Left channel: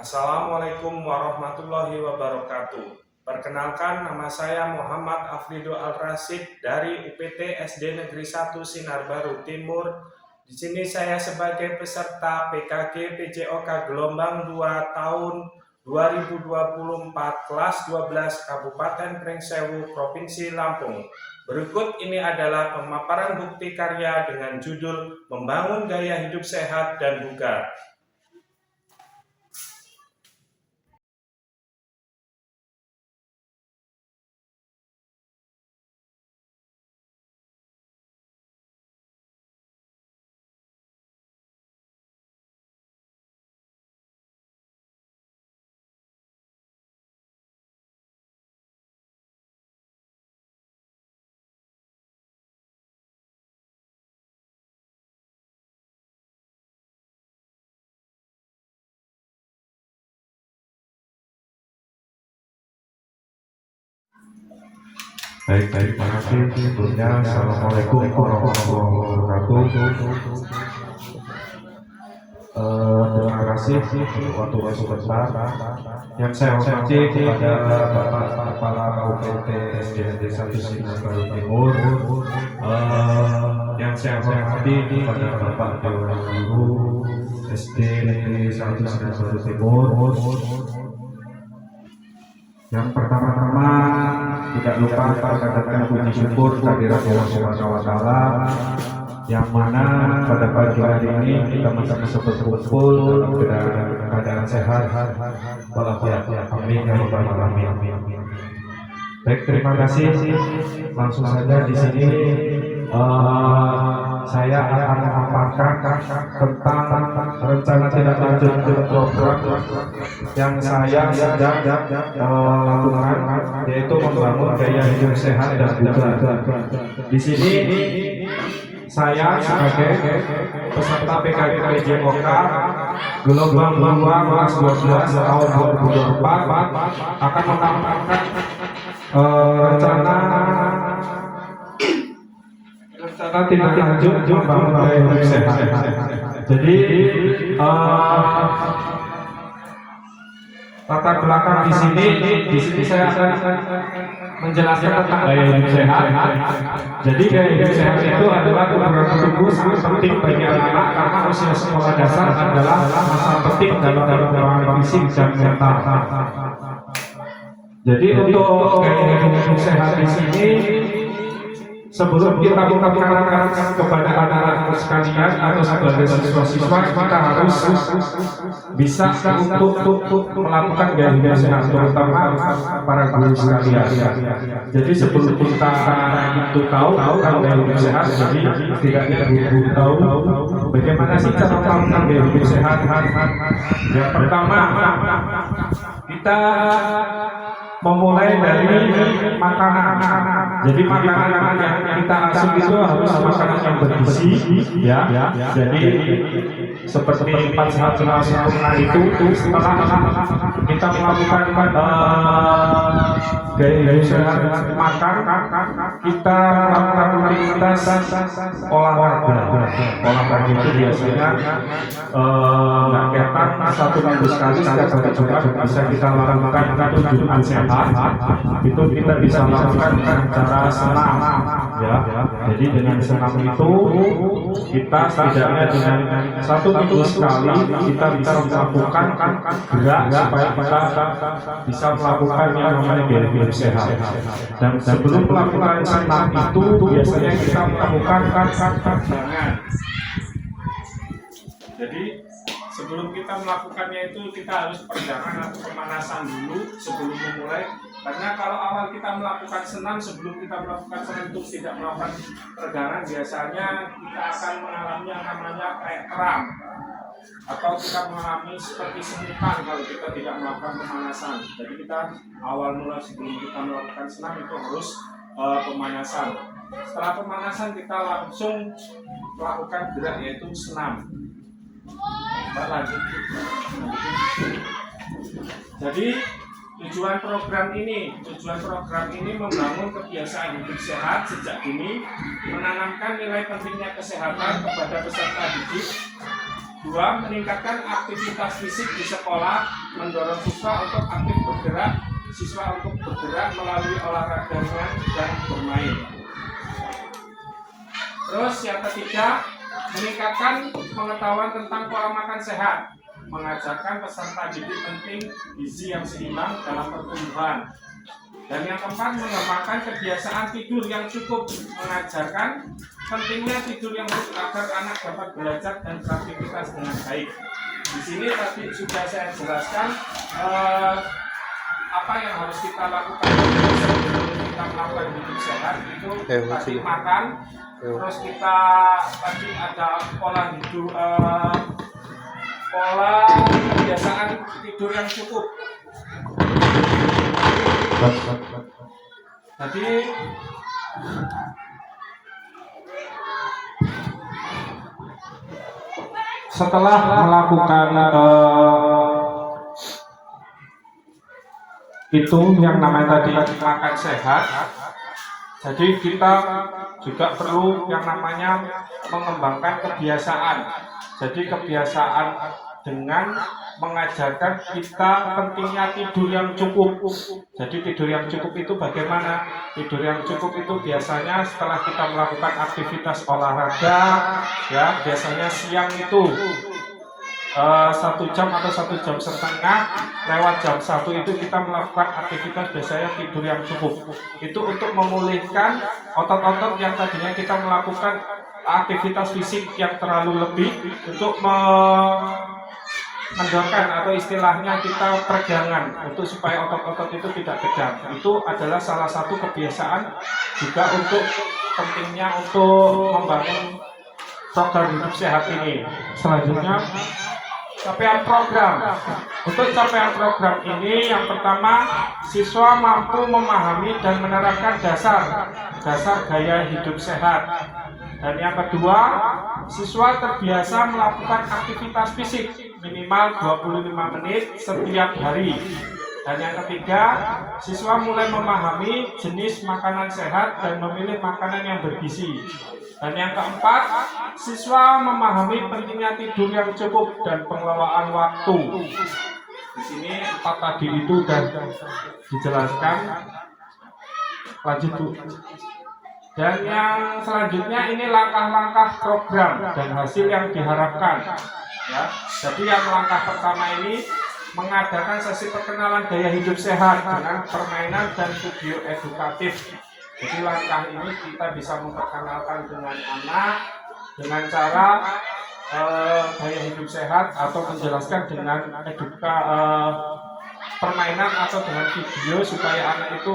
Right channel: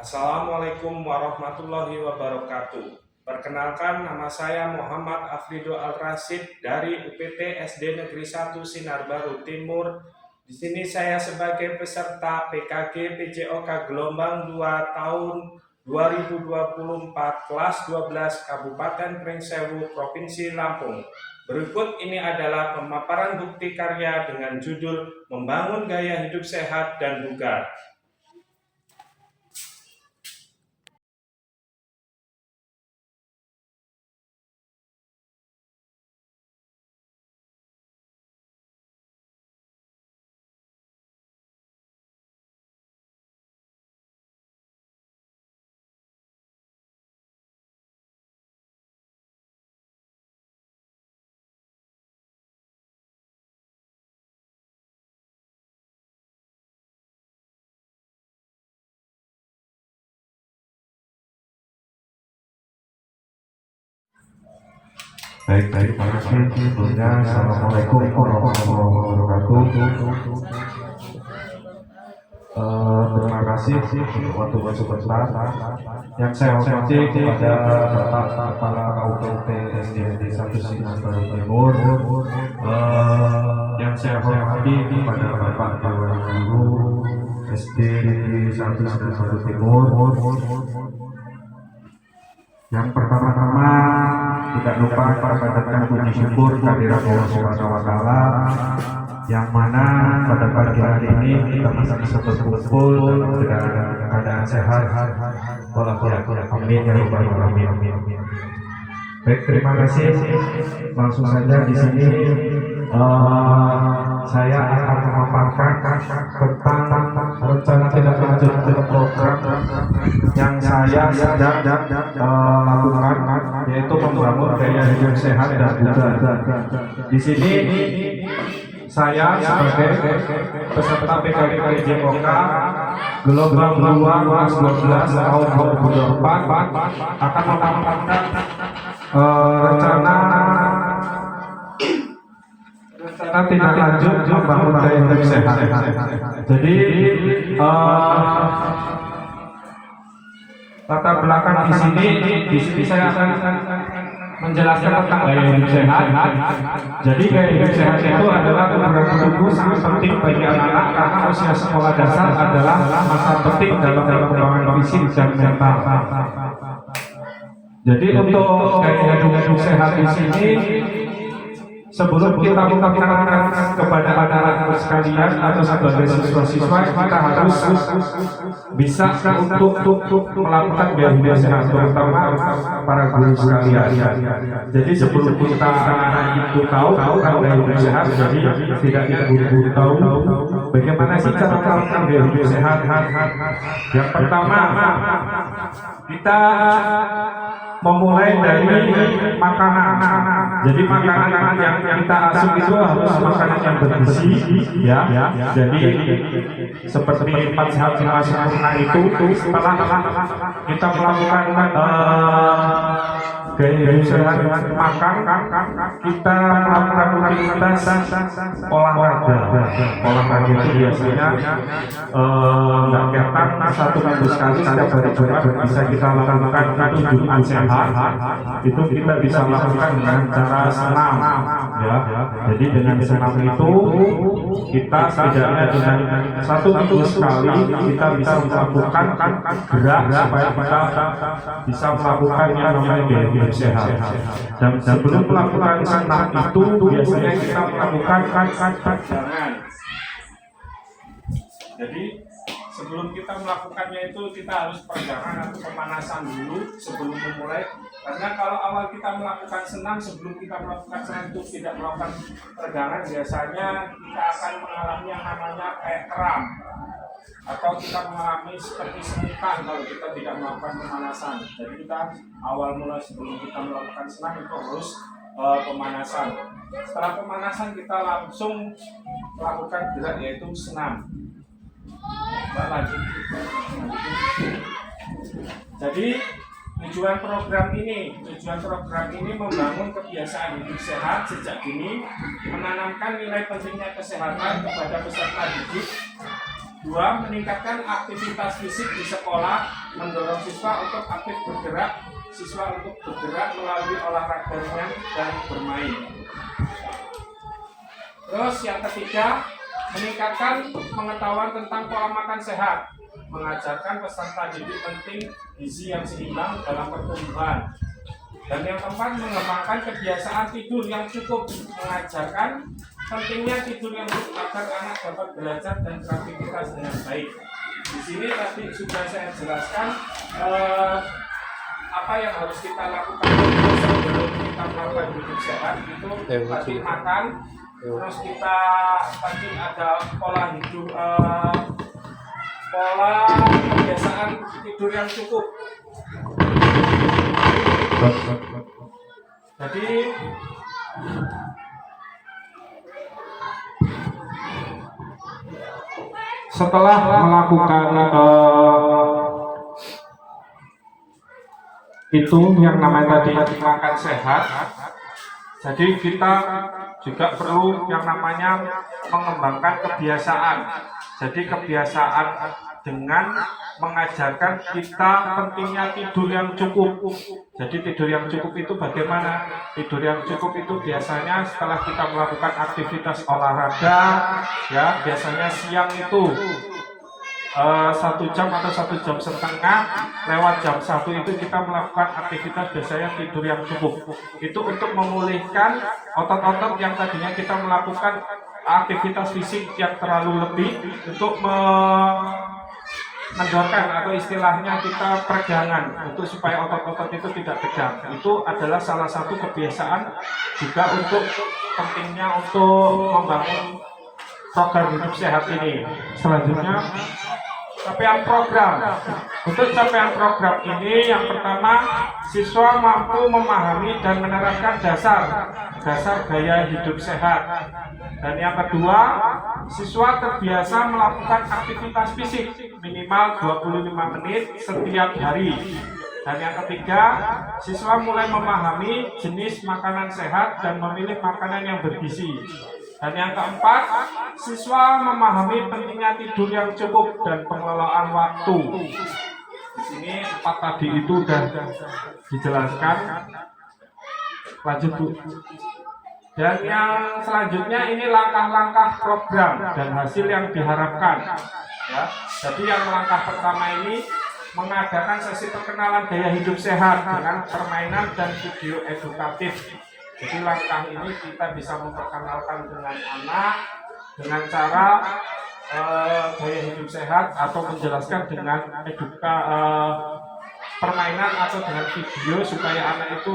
Assalamualaikum warahmatullahi wabarakatuh. Perkenalkan, nama saya Muhammad Afrido Al-Rasyid dari UPT SD Negeri 1 Sinar Baru Timur. Di sini saya sebagai peserta PKG PJOK gelombang 2 tahun 2024 kelas 12 Kabupaten Pringsewu Provinsi Lampung. Berikut ini adalah pemaparan bukti karya dengan judul Membangun Gaya Hidup Sehat dan Bugar. Baik, terima kasih. Sebelumnya, Assalamualaikum warahmatullahi wabarakatuh. Terima kasih untuk waktu sebentar yang saya hormati kepada Bapak Kepala UPT SD Negeri 1 Sinar Baru Timur, yang saya hormati kepada Bapak Dewan Guru SD Negeri 1 Sinar Baru Timur. Yang pertama-tama tidak lupa kita panjatkan puji syukur kehadirat Allah Subhanahu wa Ta'ala, yang mana pada pagi hari ini kita masih bisa berkumpul dalam keadaan sehat walafiat. Amin ya rabbal alamin. Baik, terima kasih. Langsung saja di sini saya akan memaparkan tentang rencana tindak lanjut program yang saya sedang lakukan, yaitu membangun gaya hidup sehat dan bugar. Di sini saya sebagai peserta PKG PJOK gelombang 2 kelas 12 tahun 2024 akan menampilkan rencana tindak lanjut membangun gaya hidup sehat. Jadi latar belakang di sini saya akan menjelaskan tentang gaya hidup sehat. Jadi gaya hidup sehat itu adalah program tubuh sangat penting bagi anak-anak karena usia sekolah dasar adalah masa penting dalam perkembangan fisik dan mental. Jadi untuk gaya hidup sehat di sini, sebelum kita memperkenalkan kepada anak-anak sekalian atau sebagai siswa-siswa, kita harus bisa untuk melakukan gaya hidup sehat, terutama para guru sekalian. Jadi sebelum kita itu tahu gaya hidup sehat, jadi setidaknya guru tahu bagaimana sih cara melakukan gaya hidup sehat. Yang pertama, kita memulai dari makanan. Jadi makanan yang kita asup itu harus makanan yang bergizi, ya. Jadi seperti 4 sehat 5 sempurna itu setelah kita melakukan gaya hidup sehat makan, kita melakukan rutinitas olahraga. Olahraga itu biasanya kegiatan 1 minggu sekali setiap hari Jumat bisa kita lakukan tunjukan sehat. Itu kita bisa lakukan dengan cara senam, ya. Jadi dengan senam itu kita setidaknya dengan 1 minggu sekali kita bisa melakukan gerak supaya kita bisa melakukan yang namanya gaya hidup sehat. Dan sebelum melakukan senam itu biasanya kita melakukan peregangan. Jadi sebelum kita melakukannya itu kita harus peregangan atau pemanasan dulu sebelum memulai. Karena kalau awal kita melakukan senam, sebelum kita melakukan senam itu tidak melakukan peregangan, biasanya kita akan mengalami yang namanya kayak kram, atau kita mengalami seperti semutan kalau kita tidak melakukan pemanasan. Jadi kita awal mula sebelum kita melakukan senam itu harus pemanasan. Setelah pemanasan kita langsung melakukan gerak, yaitu senam. Lanjut. Jadi tujuan program ini membangun kebiasaan hidup sehat sejak dini, menanamkan nilai pentingnya kesehatan kepada peserta didik, Dua, meningkatkan aktivitas fisik di sekolah, mendorong siswa untuk aktif bergerak, melalui olahraganya dan bermain. Terus yang ketiga, meningkatkan pengetahuan tentang pola makan sehat, mengajarkan peserta didik penting gizi yang seimbang dalam pertumbuhan. Dan yang keempat, mengembangkan kebiasaan tidur yang cukup, mengajarkan pentingnya tidur yang cukup agar anak dapat belajar dan beraktivitas dengan baik. Di sini tadi sudah saya jelaskan apa yang harus kita lakukan sebelum kita melakukan hidup sehat. Itu tadi makan, terus kita tadi ada pola hidup, pola kebiasaan tidur yang cukup. Jadi setelah melakukan itu yang namanya tadi makan sehat, jadi kita juga perlu yang namanya mengembangkan kebiasaan. Jadi kebiasaan dengan mengajarkan kita pentingnya tidur yang cukup. Jadi tidur yang cukup itu bagaimana? Tidur yang cukup itu biasanya setelah kita melakukan aktivitas olahraga, ya biasanya siang itu 1 jam atau 1 jam setengah, lewat jam 1 itu kita melakukan aktivitas biasanya tidur yang cukup. Itu untuk memulihkan otot-otot yang tadinya kita melakukan aktivitas fisik yang terlalu lebih, untuk mendorong atau istilahnya kita peregangan, untuk supaya otot-otot itu tidak tegang. Itu adalah salah satu kebiasaan juga untuk pentingnya untuk membangun program hidup sehat ini. Selanjutnya, capaian program. Untuk capaian program ini, yang pertama, siswa mampu memahami dan menerapkan dasar gaya hidup sehat. Dan yang kedua, siswa terbiasa melakukan aktivitas fisik minimal 25 menit setiap hari. Dan yang ketiga, siswa mulai memahami jenis makanan sehat dan memilih makanan yang bergizi. Dan yang keempat, siswa memahami pentingnya tidur yang cukup dan pengelolaan waktu. Di sini 4 tadi itu sudah dijelaskan. Lanjut Bu. Dan yang selanjutnya ini langkah-langkah program dan hasil yang diharapkan. Ya, jadi yang langkah pertama ini mengadakan sesi perkenalan gaya hidup sehat dengan permainan dan video edukatif. Jadi langkah ini kita bisa memperkenalkan dengan anak dengan cara gaya hidup sehat, atau menjelaskan dengan permainan atau dengan video supaya anak itu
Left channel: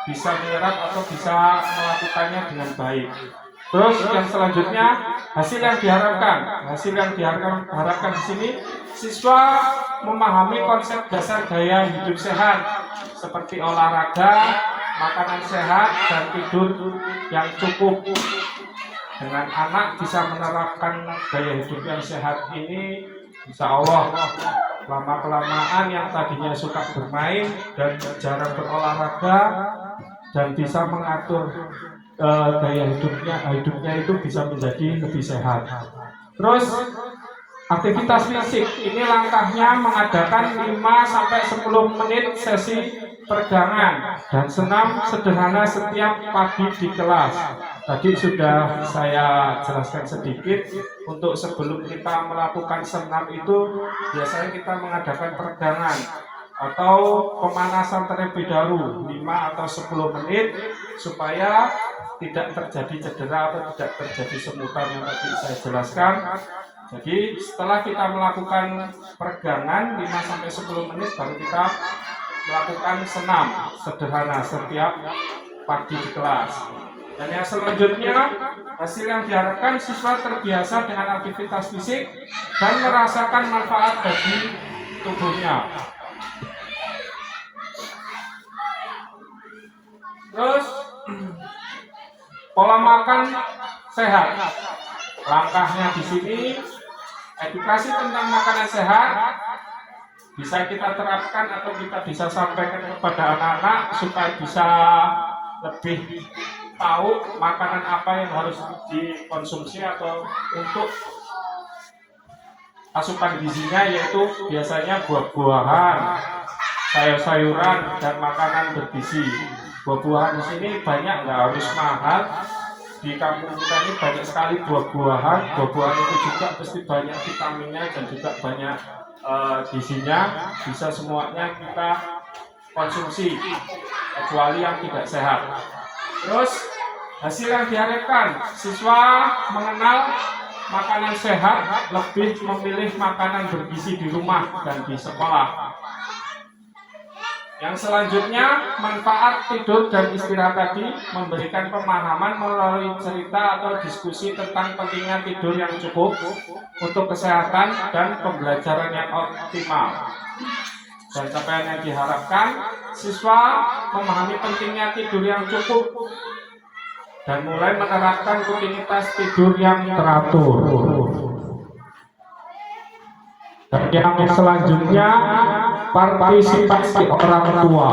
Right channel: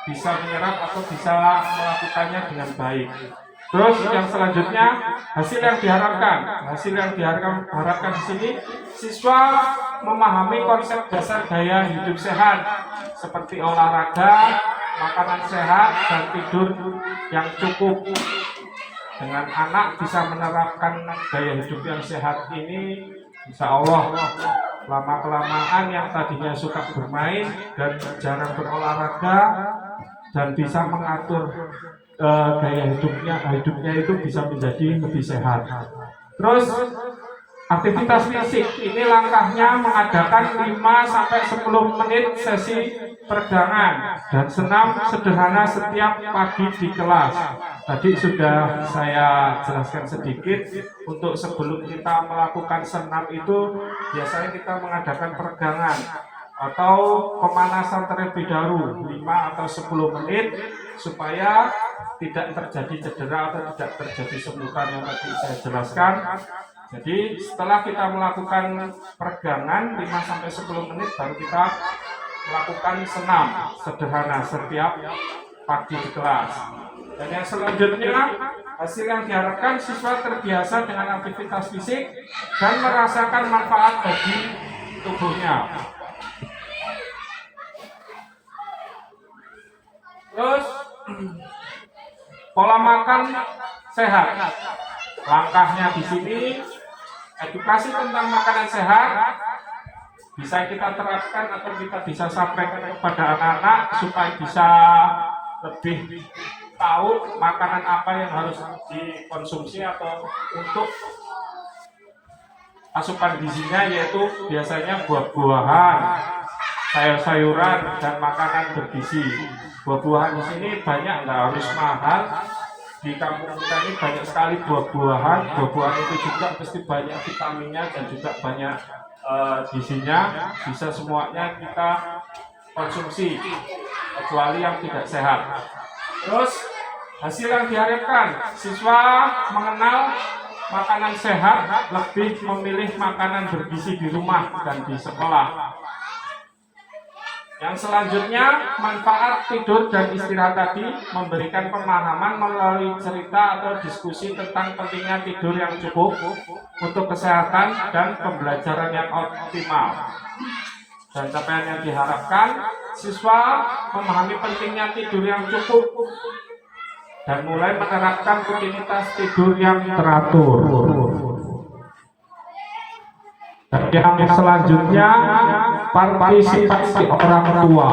bisa menyerap atau bisa melakukannya dengan baik. Terus yang selanjutnya, hasil yang diharapkan di sini, siswa memahami konsep dasar gaya hidup sehat seperti olahraga, makanan sehat, dan tidur yang cukup. Dengan anak bisa menerapkan gaya hidup yang sehat ini, insya Allah lama-kelamaan yang tadinya suka bermain dan jarang berolahraga dan bisa mengatur gaya hidupnya itu bisa menjadi lebih sehat. Terus aktivitas fisik ini langkahnya mengadakan 5-10 menit sesi peregangan dan senam sederhana setiap pagi di kelas. Tadi sudah saya jelaskan sedikit. Untuk sebelum kita melakukan senam itu biasanya kita mengadakan peregangan atau pemanasan terlebih dahulu 5 atau 10 menit supaya tidak terjadi cedera atau tidak terjadi semutan yang tadi saya jelaskan. Jadi setelah kita melakukan peregangan 5-10 menit, baru kita melakukan senam sederhana setiap pagi di kelas. Dan yang selanjutnya, hasil yang diharapkan siswa terbiasa dengan aktivitas fisik dan merasakan manfaat bagi tubuhnya. Terus pola makan sehat. Langkahnya di sini, edukasi tentang makanan sehat bisa kita terapkan atau kita bisa sampaikan kepada anak-anak supaya bisa lebih tahu makanan apa yang harus dikonsumsi atau untuk asupan gizinya yaitu biasanya buah-buahan, sayur-sayuran dan makanan bergizi. Buah-buahan di sini banyak, nggak harus mahal. Di kampung kita ini banyak sekali buah-buahan. Buah-buahan itu juga pasti banyak vitaminnya dan juga banyak gizinya. Bisa semuanya kita konsumsi kecuali yang tidak sehat. Terus hasil yang diharapkan, siswa mengenal makanan sehat, lebih memilih makanan bergizi di rumah dan di sekolah. Yang selanjutnya, manfaat tidur dan istirahat tadi memberikan pemahaman melalui cerita atau diskusi tentang pentingnya tidur yang cukup untuk kesehatan dan pembelajaran yang optimal. Dan capaian yang diharapkan, siswa memahami pentingnya tidur yang cukup dan mulai menerapkan rutinitas tidur yang teratur. Dan yang selanjutnya, partisipasi orang tua,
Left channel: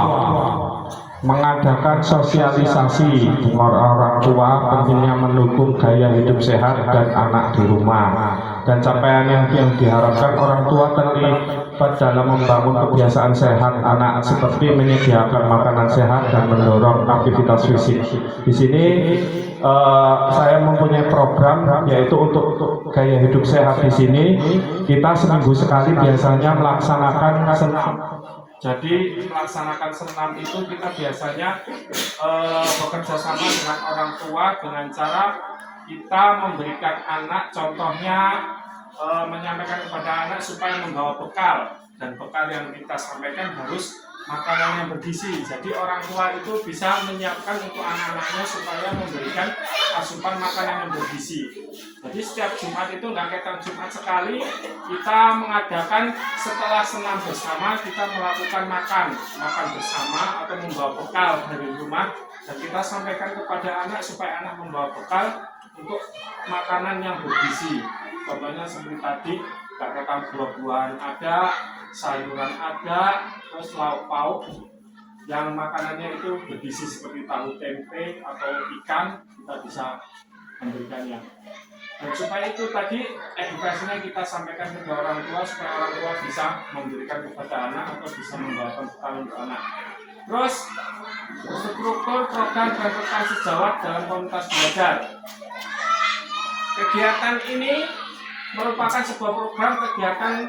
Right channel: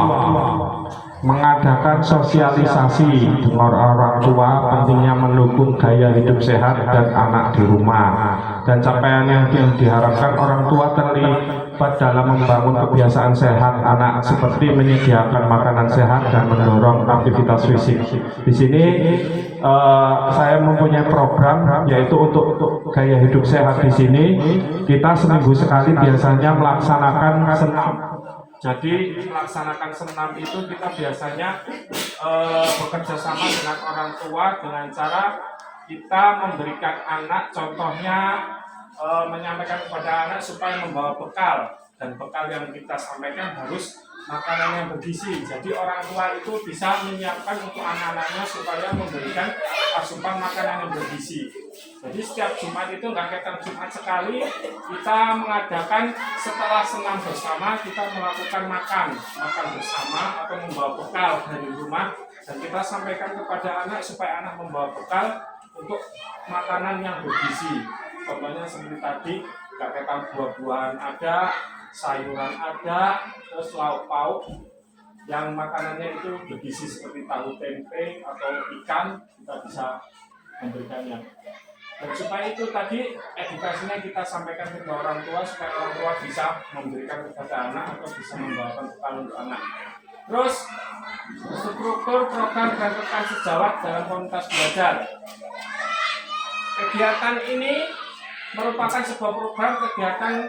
mengadakan sosialisasi dengan orang tua pentingnya mendukung gaya hidup sehat dan anak di rumah. Dan capaian yang diharapkan, orang tua terlibat dalam membangun kebiasaan sehat anak seperti menyediakan makanan sehat dan mendorong aktivitas fisik. Di sini saya mempunyai program yaitu untuk gaya hidup sehat. Di sini kita seminggu sekali biasanya melaksanakan senam. Jadi melaksanakan senam itu kita biasanya bekerja sama dengan orang tua dengan cara kita memberikan anak, contohnya menyampaikan kepada anak supaya membawa bekal, dan bekal yang kita sampaikan harus makanan yang bergizi. Jadi orang tua itu bisa menyiapkan untuk anak-anaknya supaya memberikan asupan makanan yang bergizi. Jadi setiap Jumat itu nggak kayak Jumat sekali, kita mengadakan setelah senam bersama, kita melakukan makan bersama atau membawa bekal dari rumah, dan kita sampaikan kepada anak supaya anak membawa bekal untuk makanan yang bergizi. Contohnya seperti tadi, kayak buah-buahan ada, sayuran ada, terus lauk pauk yang makanannya itu bergizi seperti tahu tempe atau ikan, kita bisa memberikannya. Dan supaya itu tadi edukasinya kita sampaikan ke orang tua supaya orang tua bisa memberikan kepada anak atau bisa membawakan bekal untuk anak. Terus struktur program dan rekan sejawat dalam komunitas belajar. Kegiatan ini merupakan sebuah program kegiatan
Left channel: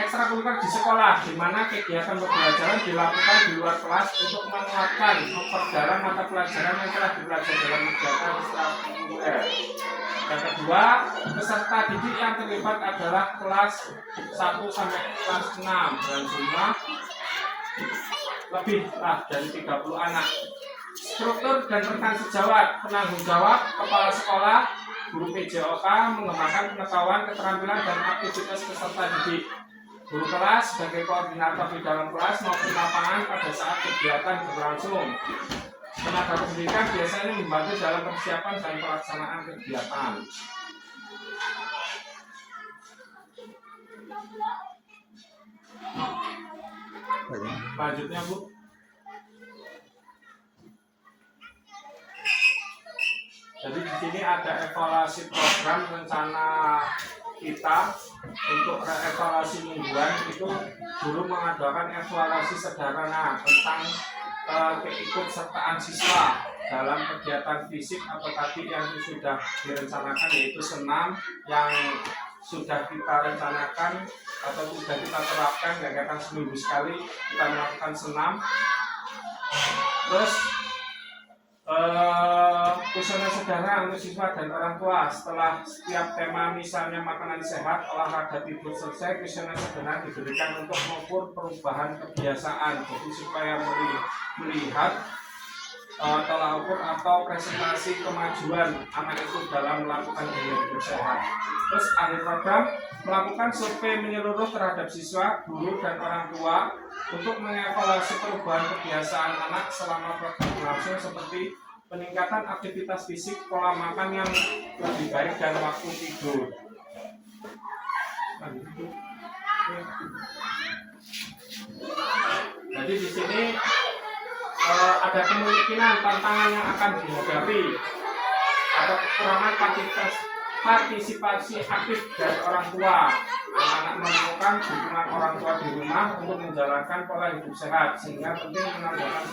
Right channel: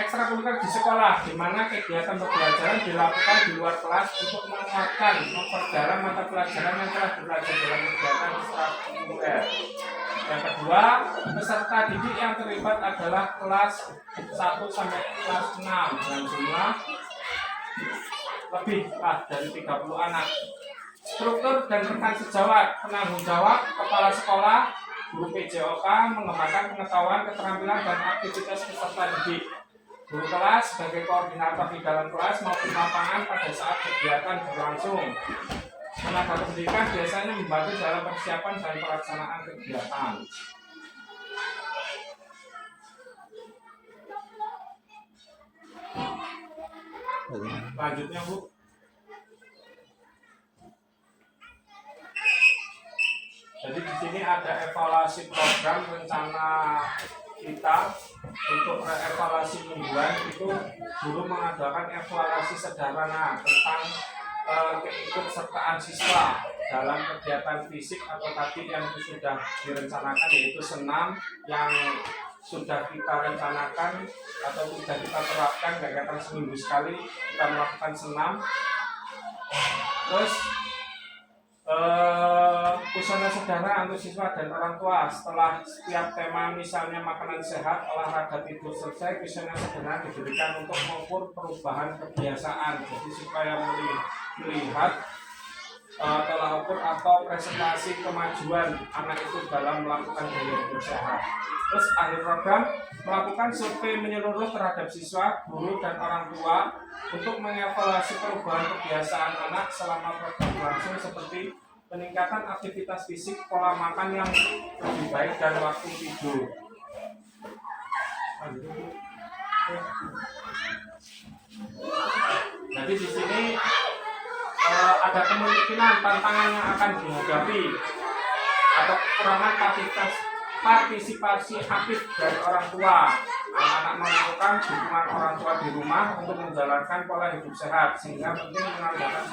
ekstrakurikuler di sekolah, di mana kegiatan pembelajaran dilakukan di luar kelas untuk menguatkan, memperdalam mata pelajaran yang telah dipelajari dalam kegiatan ekstrakurikuler. Yang kedua, peserta didik yang terlibat adalah kelas 1 sampai kelas 6 dengan jumlah lebih dari 30 anak. Struktur dan rekan sejawat, penanggung jawab, kepala sekolah, guru PJOK mengembangkan pengetahuan, keterampilan, dan aktivitas peserta didik. Guru kelas sebagai koordinator di dalam kelas maupun lapangan pada saat kegiatan berlangsung. Tenaga pendidikan biasanya membantu dalam persiapan dan pelaksanaan kegiatan. Lanjutnya, Bu. Jadi di sini ada evaluasi program rencana kita untuk evaluasi mingguan. Itu guru mengadakan evaluasi sederhana tentang keikutsertaan siswa dalam kegiatan fisik atau tadi yang sudah direncanakan, yaitu senam yang sudah kita rencanakan atau sudah kita terapkan kegiatan seminggu sekali kita melakukan senam. Terus kuesioner sederhana untuk siswa dan orang tua setelah setiap tema, misalnya makanan sehat, olahraga, tidur selesai, kuesioner sederhana diberikan untuk mengukur perubahan kebiasaan. Jadi supaya melihat tolak ukur atau presentasi kemajuan anak itu dalam melakukan gaya hidup sehat. Terus akhir program melakukan survei menyeluruh terhadap siswa, guru, dan orang tua untuk mengevaluasi perubahan kebiasaan anak selama program berlangsung, seperti peningkatan aktivitas fisik, pola makan yang lebih baik, dan waktu tidur. Jadi di sini ada kemungkinan tantangan yang akan dihadapi atau kekurangan partisipasi aktif dari orang tua. Anak-anak memerlukan dukungan orang tua di rumah untuk menjalankan pola hidup sehat, sehingga penting mengadakan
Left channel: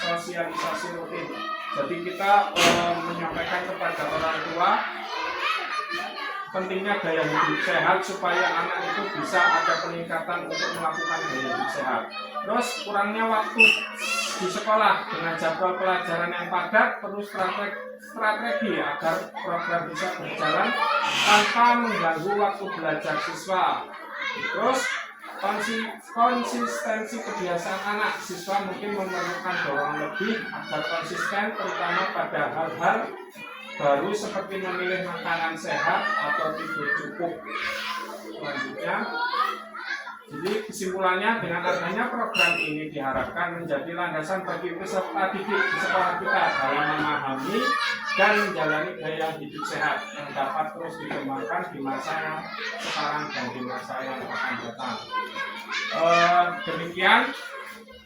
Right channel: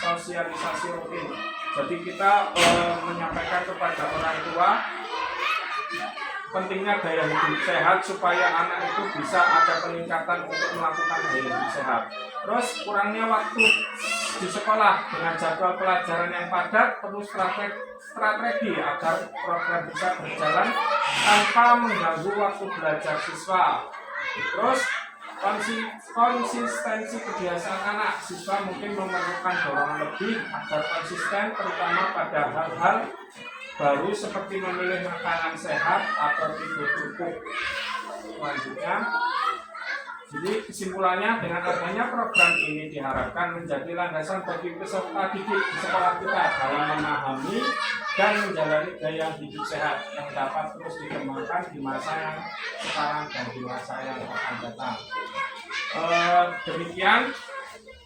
sosialisasi rutin. Jadi kita menyampaikan kepada orang tua pentingnya gaya hidup sehat supaya anak itu bisa ada peningkatan untuk melakukan gaya hidup sehat. Terus kurangnya waktu di sekolah dengan jadwal pelajaran yang padat, perlu strategi agar program bisa berjalan tanpa mengganggu waktu belajar siswa. Terus konsistensi kebiasaan anak, siswa mungkin memerlukan dorongan lebih agar konsisten, terutama pada hal-hal baru seperti memilih makanan sehat atau tidur cukup. Selanjutnya, jadi kesimpulannya, dengan adanya program ini diharapkan menjadi landasan bagi peserta didik di sekolah kita dalam memahami dan menjalani gaya hidup sehat yang dapat terus dikembangkan di masa yang sekarang dan di masa yang akan datang. Demikian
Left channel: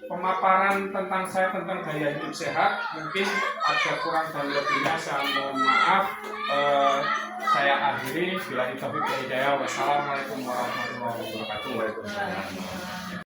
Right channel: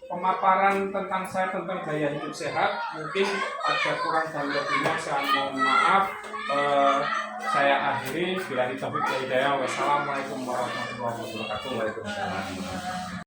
pemaparan tentang saya tentang gaya hidup sehat. Mungkin ada kurang dan lebihnya, saya mohon maaf. Saya akhiri, bila taufiq wal hidayah. Wassalamualaikum warahmatullahi wabarakatuh.